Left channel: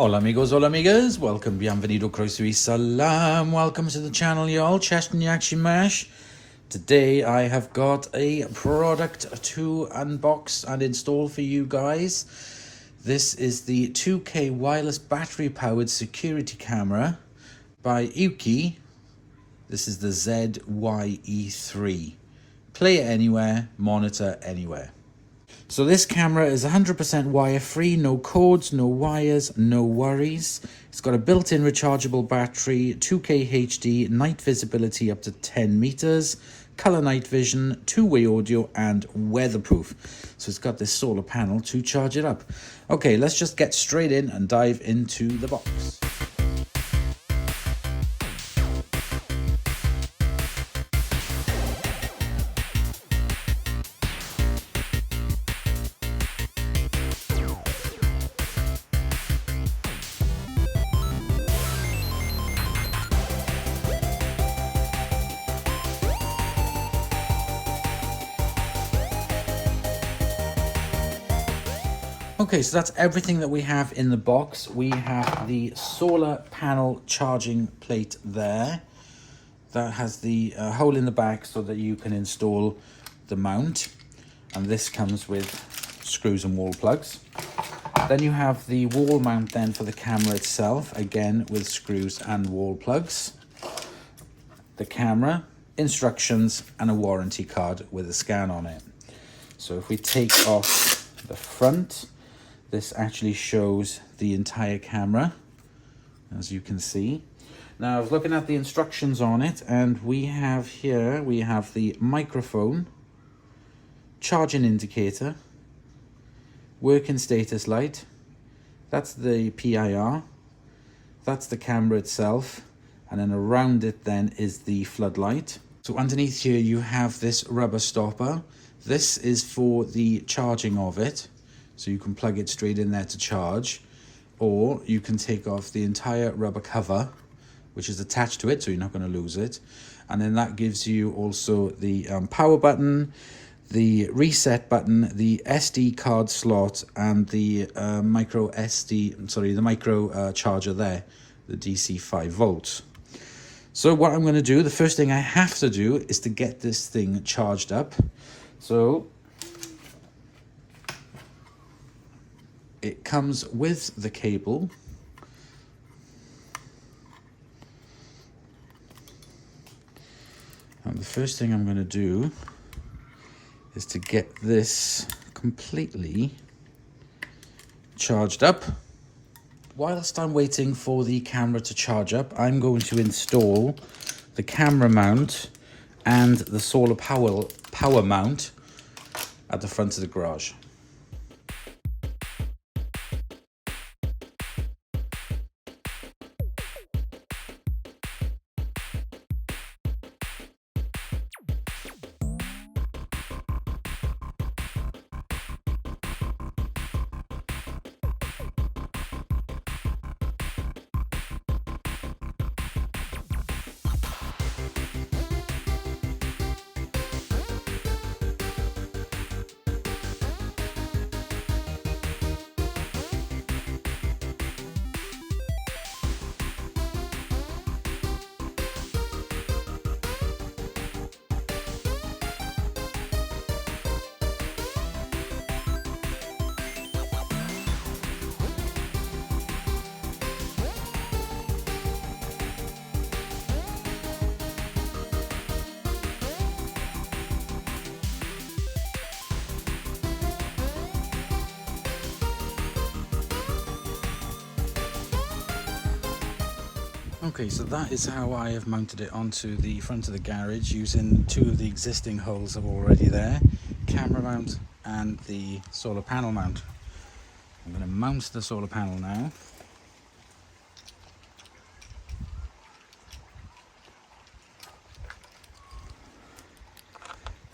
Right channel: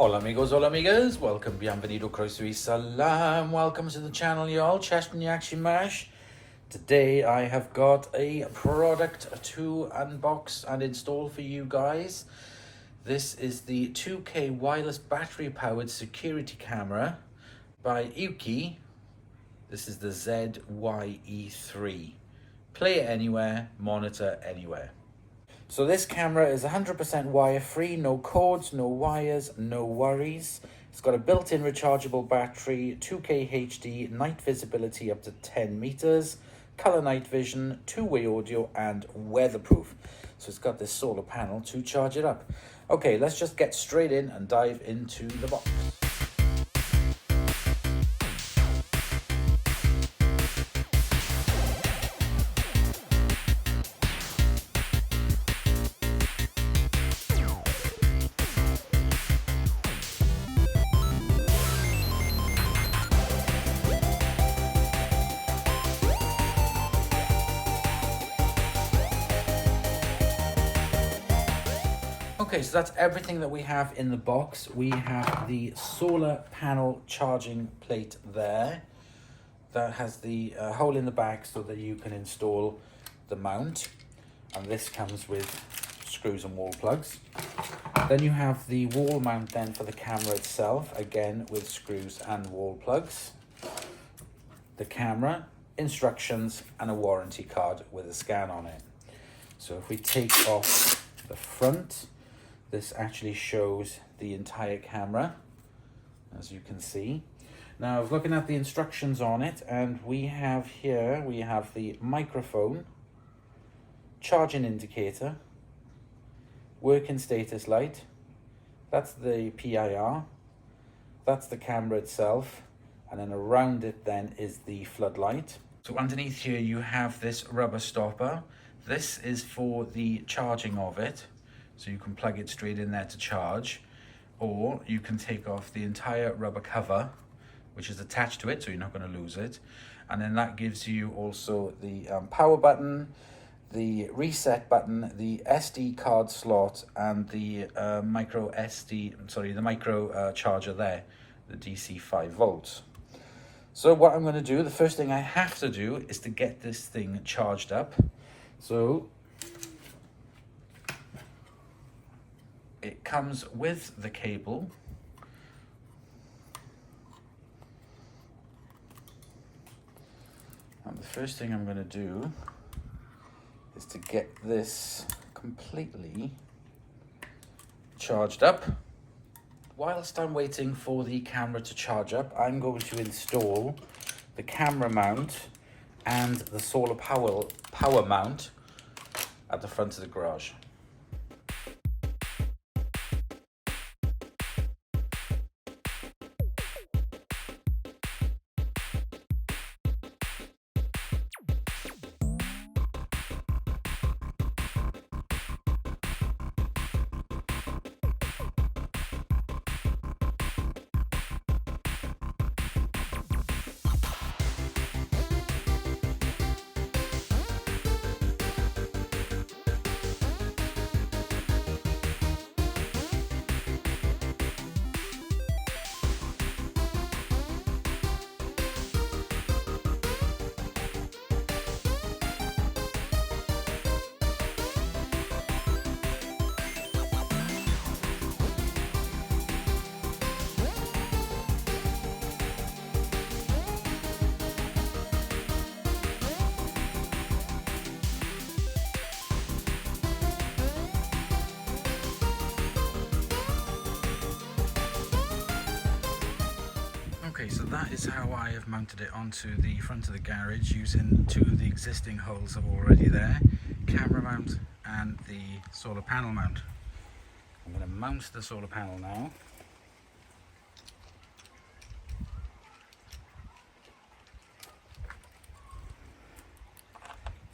Hola amigos, hola amigas, welcome, bienvenido, croeso salam, welcome to the channel y'all, Cheston Yakshi Mash. Today I have got a product to unbox and install for you guys. This is the EUKi wireless battery powered security camera by EUKi. This is the ZYE3. Play it anywhere, monitor anywhere. So this camera is 100% wire free, no cords, no wires, no worries. It's got a built-in rechargeable battery, 2K HD, night visibility up to 10 meters, color night vision, two-way audio and weatherproof. So it's got this solar panel to charge it up. Okay, let's just get straight in and dive into the box. Okay, so that's everything that we have in the box. We have the solar panel charging plate there. That has the hole in the back so that you can install the mount. And this comes with screws and wall plugs. Then you have the wall mount then for the camera itself, again with screws and wall plugs. The camera, instructions and a warranty card with a scan on it. So if we take off the front, this actually shows the entire camera, as you can see. Now I was looking at the instructions on it, and we have the microphone, charging indicator, working status light, that's the PIR, that's the camera itself, and then around it then is the floodlight. So underneath here you have this rubber stopper. This is for the charging of it. So you can plug it straight in there to charge, or you can take off the entire rubber cover, which is attached to it, so you're not going to lose it. And then that gives you also the power button, the reset button, the SD card slot, and the micro charger there, the DC 5 volts. So what I'm going to do, the first thing I have to do is to get this thing charged up. So it comes with the cable. And the first thing I'm going to do is to get this completely charged up. Whilst I'm waiting for the camera to charge up, I'm going to install the camera mount and the solar power mount at the front of the garage. Okay, so that is how I have mounted it onto the front of the garage using two of the existing holes that were already there, camera mount and the solar panel mount. I'm going to mount the solar panel now.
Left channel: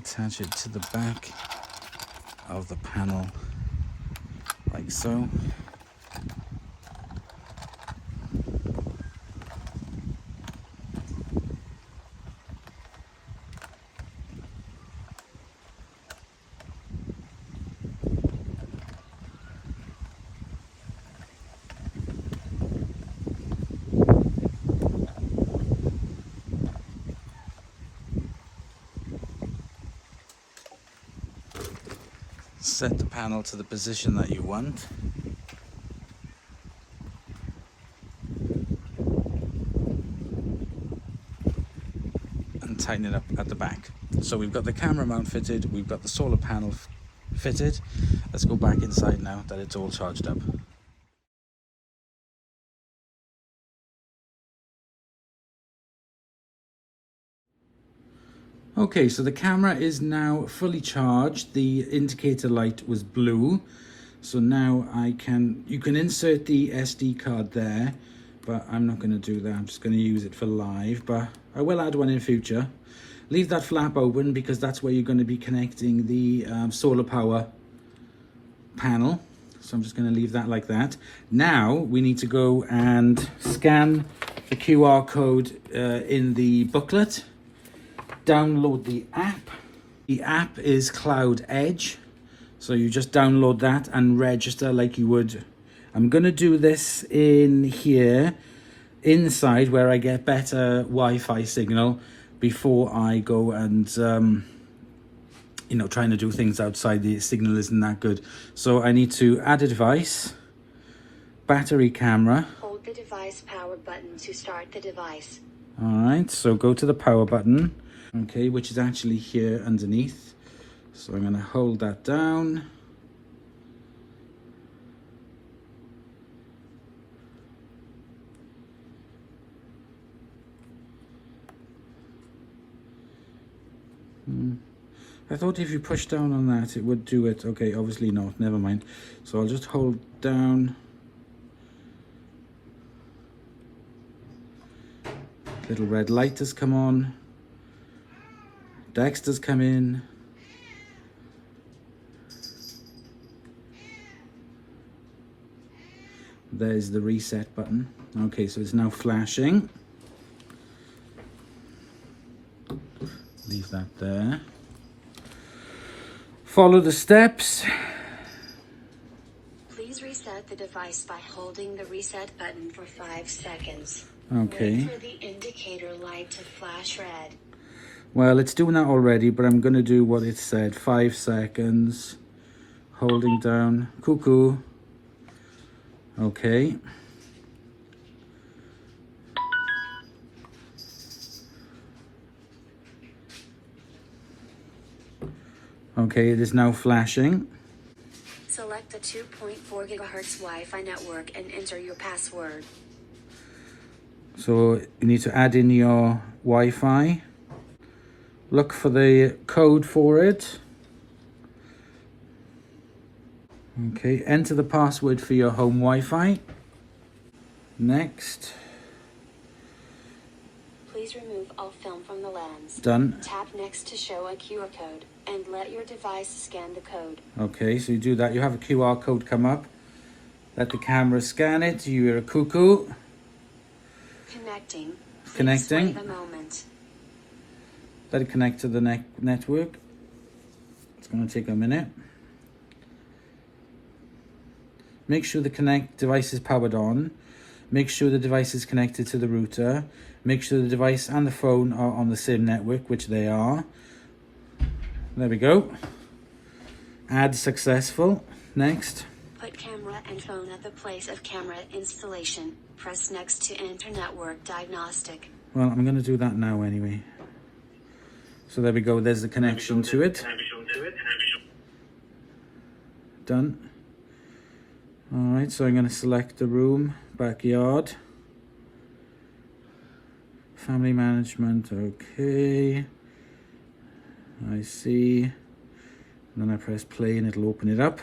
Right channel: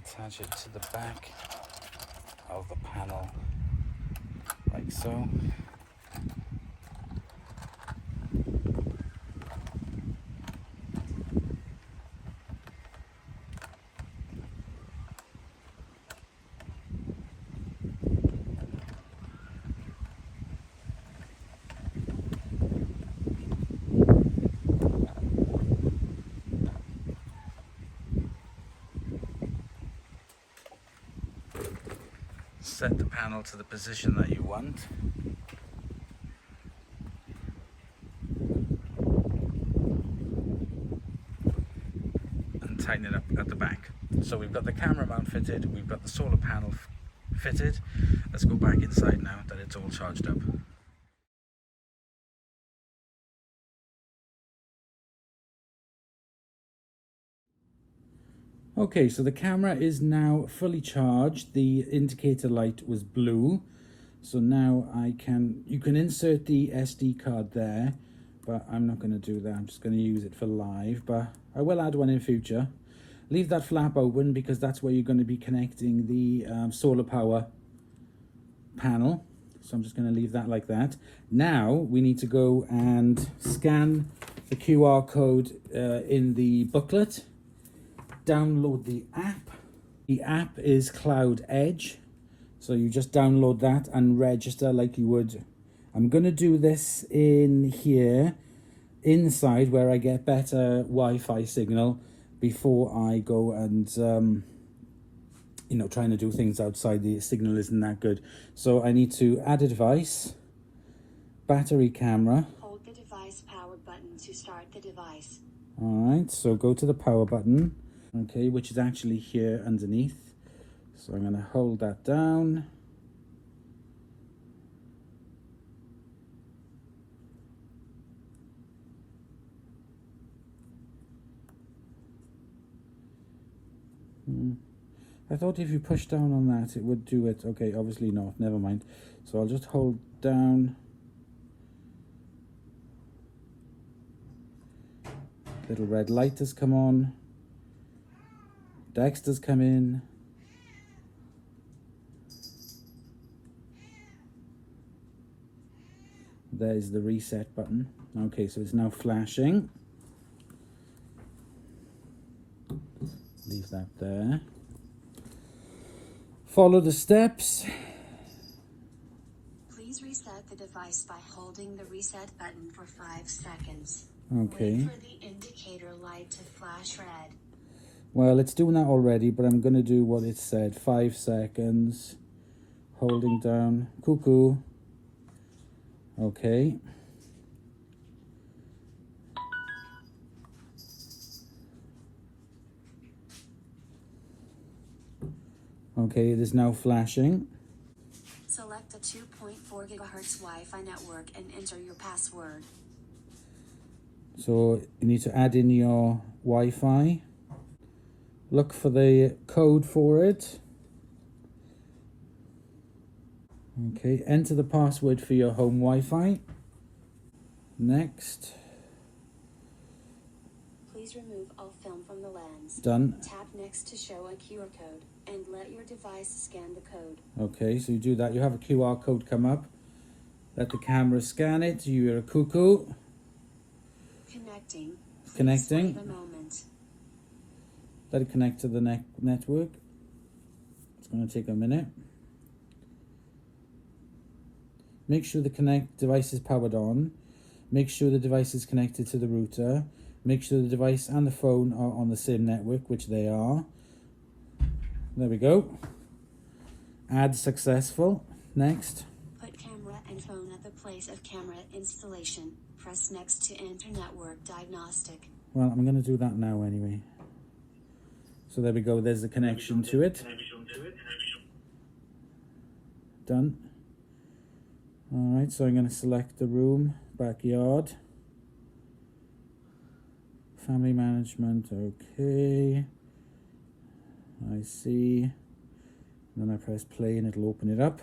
Attach it to the back of the panel like so. panel to the position that you want. And tighten it up at the back. So we've got the camera mount fitted, we've got the solar panel fitted. Let's go back inside now that it's all charged up. Okay, so the camera is now fully charged. The indicator light was blue. So now you can insert the SD card there, but I'm not going to do that. I'm just going to use it for live, but I will add one in future. Leave that flap open because that's where you're going to be connecting the solar power panel. So I'm just going to leave that like that. Now we need to go and scan the QR code in the booklet. Download the app. The app is Cloud Edge. So you just download that and register like you would. I'm going to do this in here, inside where I get better Wi-Fi signal before I go and, you know, trying to do things outside. The signal isn't that good. So I need to add a device, battery, camera. Hold the device power button to start the device. All right, so go to the power button, okay, which is actually here underneath. So I'm going to hold that down. I thought if you push down on that it would do it. Okay, obviously not, never mind. So I'll just hold down. Little red light has come on. Dexter's come in. There's the reset button. Okay, so it's now flashing. Leave that there. Follow the steps. Please reset the device by holding the reset button for 5 seconds. Okay. Wait for the indicator light to flash red. Well, it's doing that already, but I'm going to do what it said. 5 seconds. Holding down. Cuckoo. Okay. Okay, it is now flashing. Select the 2.4 GHz Wi-Fi network and enter your password. So you need to add in your Wi-Fi. Look for the code for it. Okay, enter the password for your home Wi-Fi. Next. Please remove all film from the lens. Done. Tap next to show a QR code and let your device scan the code. Okay, so you do that. You have a QR code come up. Let the camera scan it. You're a cuckoo. Connecting. Please Connecting. wait a moment. Let it connect to the network. It's going to take a minute. Make sure the device is powered on. Make sure the device is connected to the router. Make sure the device and the phone are on the same network, which they are. There we go. Add successful. Next. Put camera and phone at the place of camera installation. Press next to enter network diagnostic. Well, I'm going to do that now anyway. So there we go. There's the connection to it. Done. Alright, so I'm going to select the room, backyard, family management, okay, I see, and then I press play and it'll open it up.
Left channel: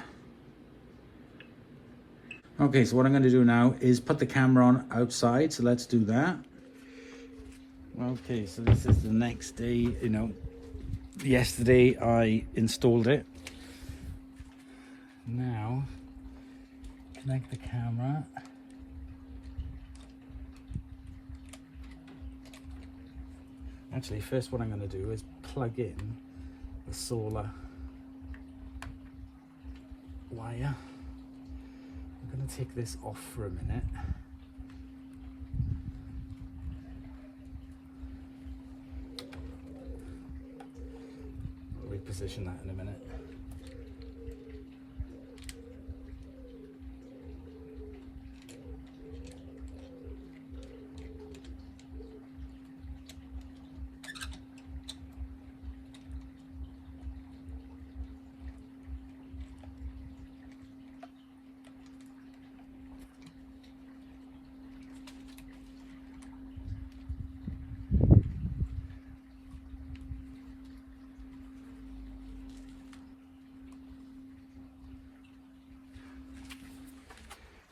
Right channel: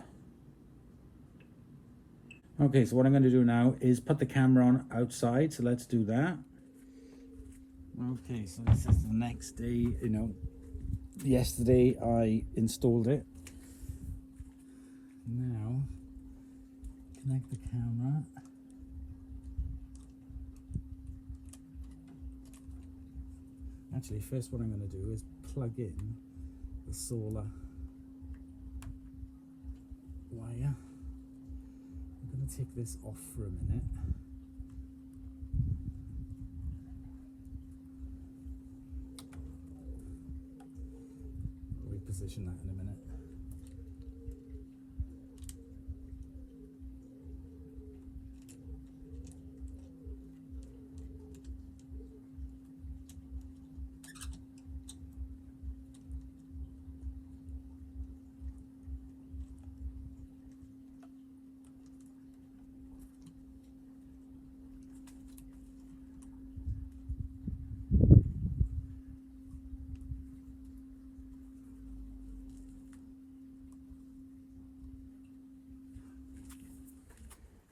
Okay, so what I'm going to do now is put the camera on outside, so let's do that. Okay, so this is the next day, you know, yesterday I installed it. Now, connect the camera. Actually, first what I'm going to do is plug in the solar wire. I'm going to take this off for a minute. I'll reposition that in a minute.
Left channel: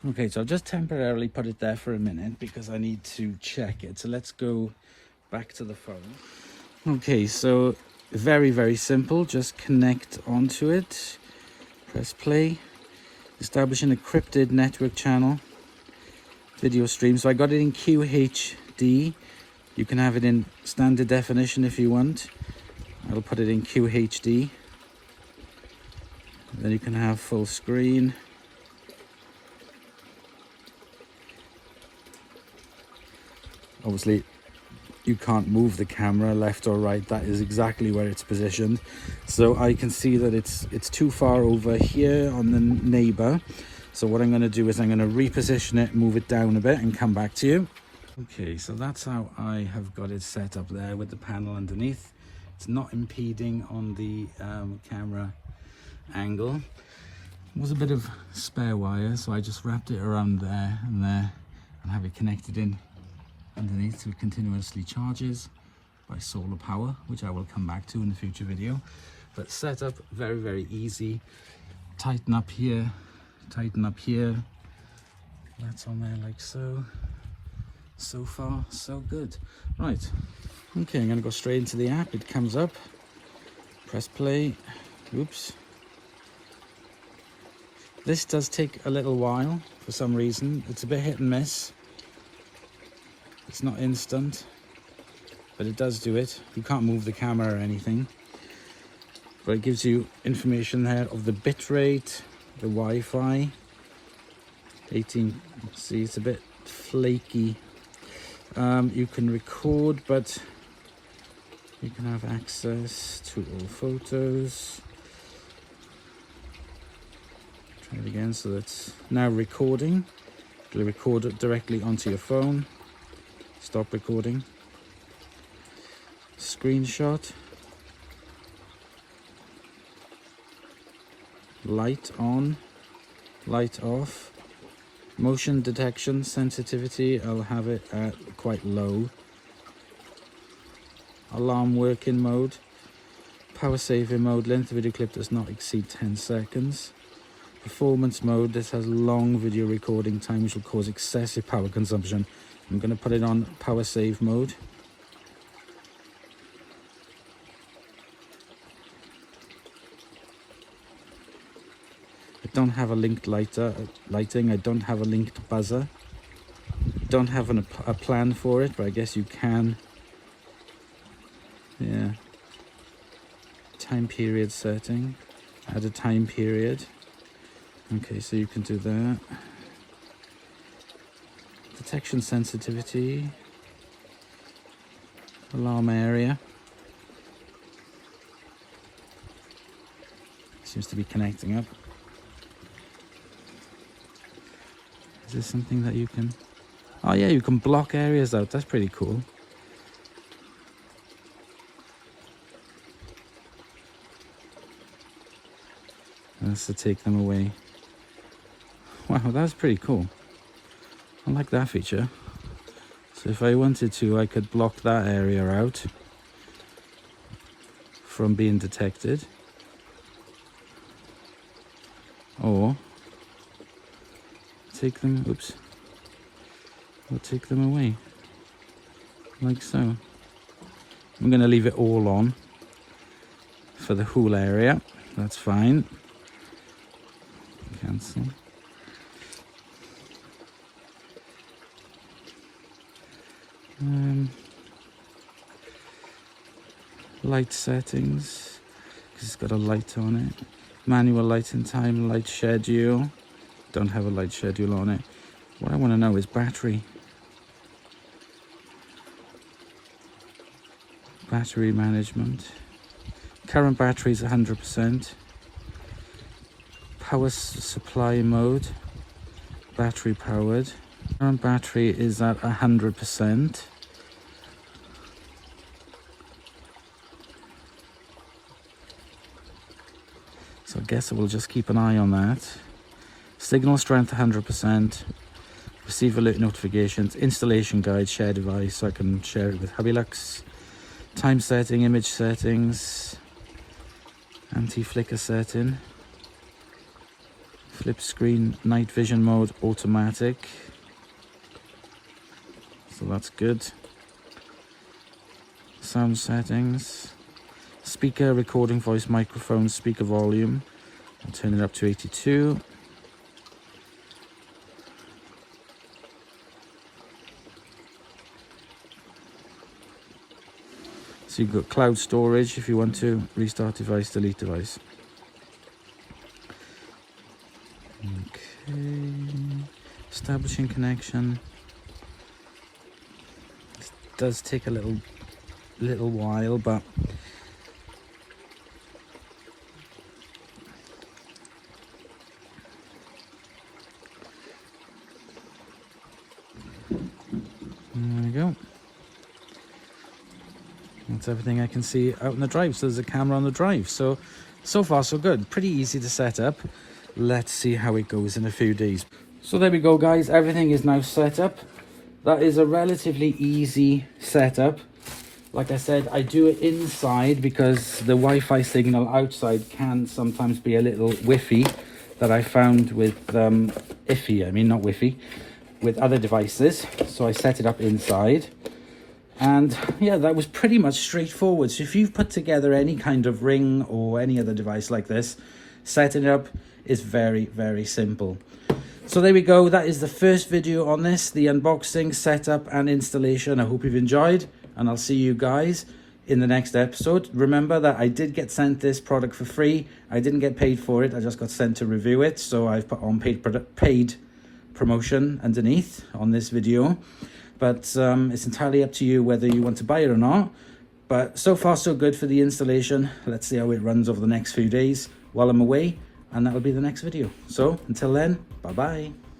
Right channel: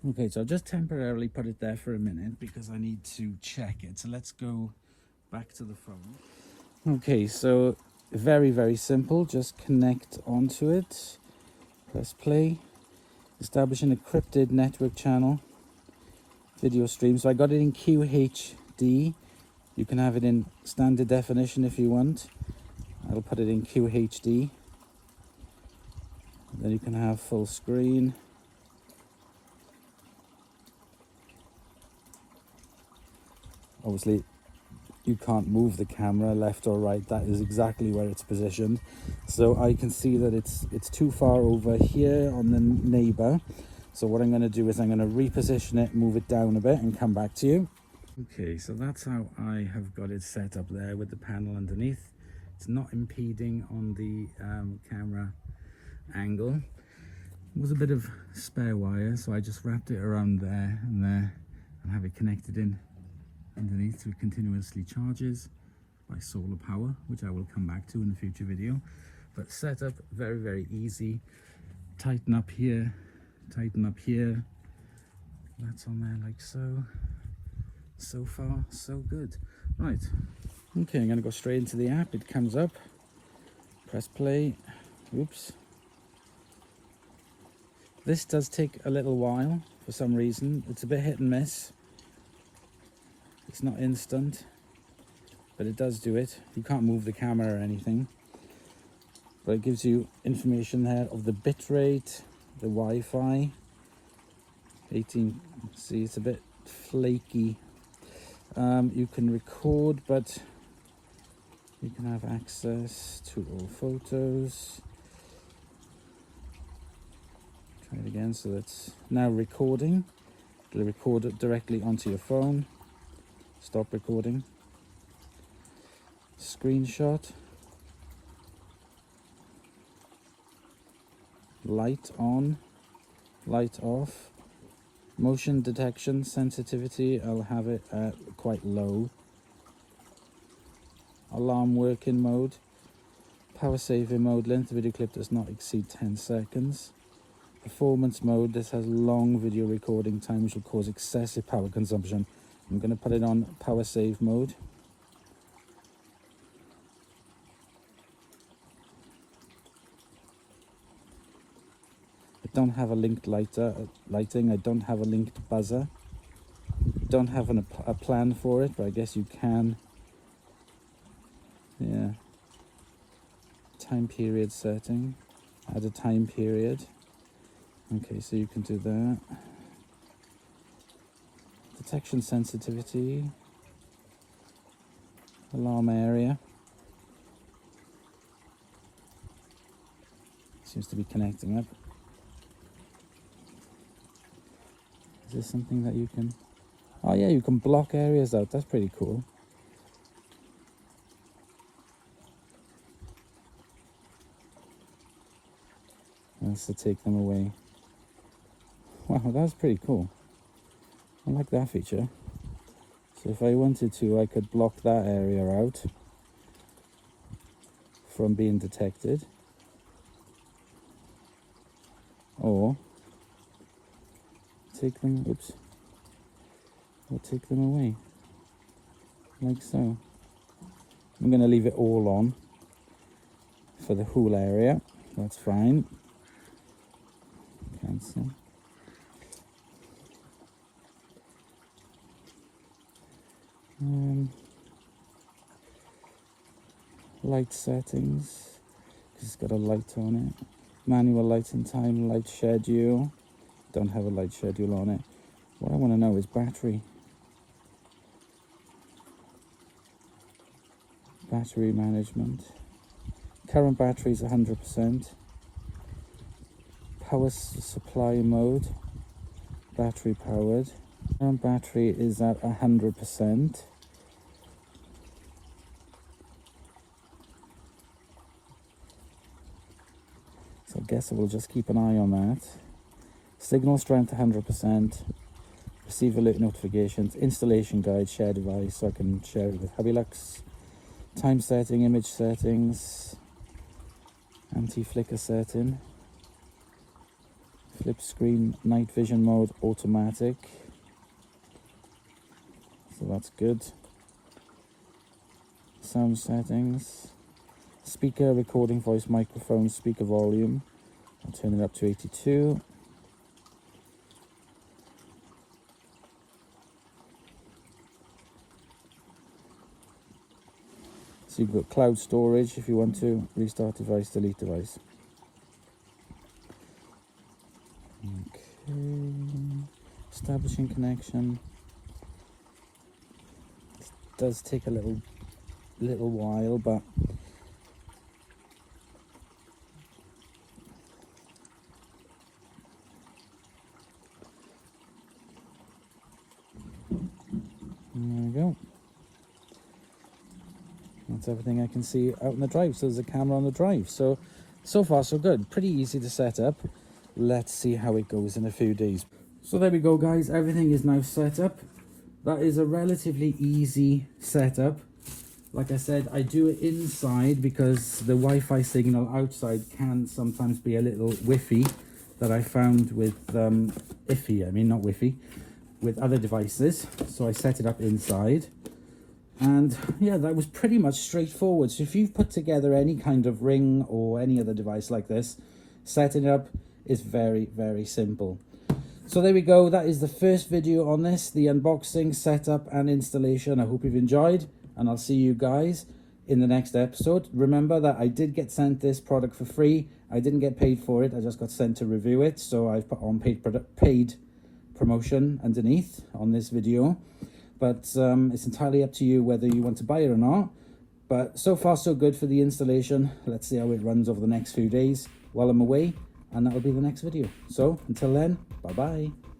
Okay, so I've just temporarily put it there for a minute because I need to check it. So let's go back to the phone. Okay, so very simple. Just connect onto it, press play, establish an encrypted network channel, video stream. So I got it in QHD. You can have it in standard definition if you want. I'll put it in QHD. Then you can have full screen. Obviously, you can't move the camera left or right. That is exactly where it's positioned. So I can see that it's too far over here on the neighbor. So what I'm going to do is I'm going to reposition it, move it down a bit and come back to you. Okay, so that's how I have got it set up there with the panel underneath. It's not impeding on the camera angle. There was a bit of spare wire, so I just wrapped it around there and have it connected in underneath, so it continuously charges by solar power, which I will come back to in the future video. But setup very easy. Tighten up here, tighten up here. That's on there like so. So far so good. Right, okay, I'm gonna go straight into the app. It comes up, press play. Oops, this does take a little while for some reason. It's a bit hit and miss. It's not instant, but it does do it. You can't move the camera or anything, but it gives you information there of the bit rate, the Wi-Fi. 18, see, it's a bit flaky. You can record, but you can have access to all photos. Try it again. So that's now recording. It'll record it directly onto your phone. Stop recording. Screenshot. Light on, light off. Motion detection sensitivity, I'll have it at quite low. Alarm working mode. Power saving mode, length of video clip does not exceed 10 seconds. Performance mode, this has long video recording time which will cause excessive power consumption. I'm going to put it on power save mode. I don't have a linked lighting, I don't have a linked buzzer. Don't have a plan for it, but I guess you can. Yeah. Time period setting. Add a time period. Okay, so you can do that. Detection sensitivity. Alarm area. Seems to be connecting up. Is there something that you can... Oh yeah, you can block areas out. That's pretty cool. That's to take them away. Wow, that's pretty cool. I like that feature. So if I wanted to, I could block that area out from being detected. Or take them, oops, or take them away, like so. I'm going to leave it all on for the whole area. That's fine. Cancel. Light settings, because it's got a light on it. Manual lighting time, light schedule. Don't have a light schedule on it. What I want to know is battery. Battery management. Current battery is 100%. Power supply mode. Battery powered. Current battery is at 100%. So I guess I will just keep an eye on that. Signal strength 100%. Receive alert notifications. Installation guide, share device, so I can share it with Hubilux. Time setting, image settings. Anti-flicker setting. Flip screen, night vision mode, automatic. So that's good. Sound settings. Speaker, recording voice, microphone, speaker volume. I'll turn it up to 82. So you've got cloud storage if you want to restart device, delete device. Okay, establishing connection. This does take a little while, but there we go. That's everything I can see out in the drive. So there's a camera on the drive. So far so good. Pretty easy to set up. Let's see how it goes in a few days. So there we go, guys. Everything is now set up. That is a relatively easy setup. Like I said, I do it inside because the Wi-Fi signal outside can sometimes be a little whiffy, that I found with iffy, I mean not whiffy, with other devices. So I set it up inside. And yeah, that was pretty much straightforward. So if you've put together any kind of Ring or any other device like this, setting it up is very, very simple. So there we go. That is the first video on this, the unboxing, setup and installation. I hope you've enjoyed, and I'll see you guys in the next episode. Remember that I did get sent this product for free. I didn't get paid for it. I just got sent to review it. So I've put on paid promotion underneath on this video. But it's entirely up to you whether you want to buy it or not. But so far so good for the installation. Let's see how it runs over the next few days while I'm away, and that'll be the next video. So until then, bye bye.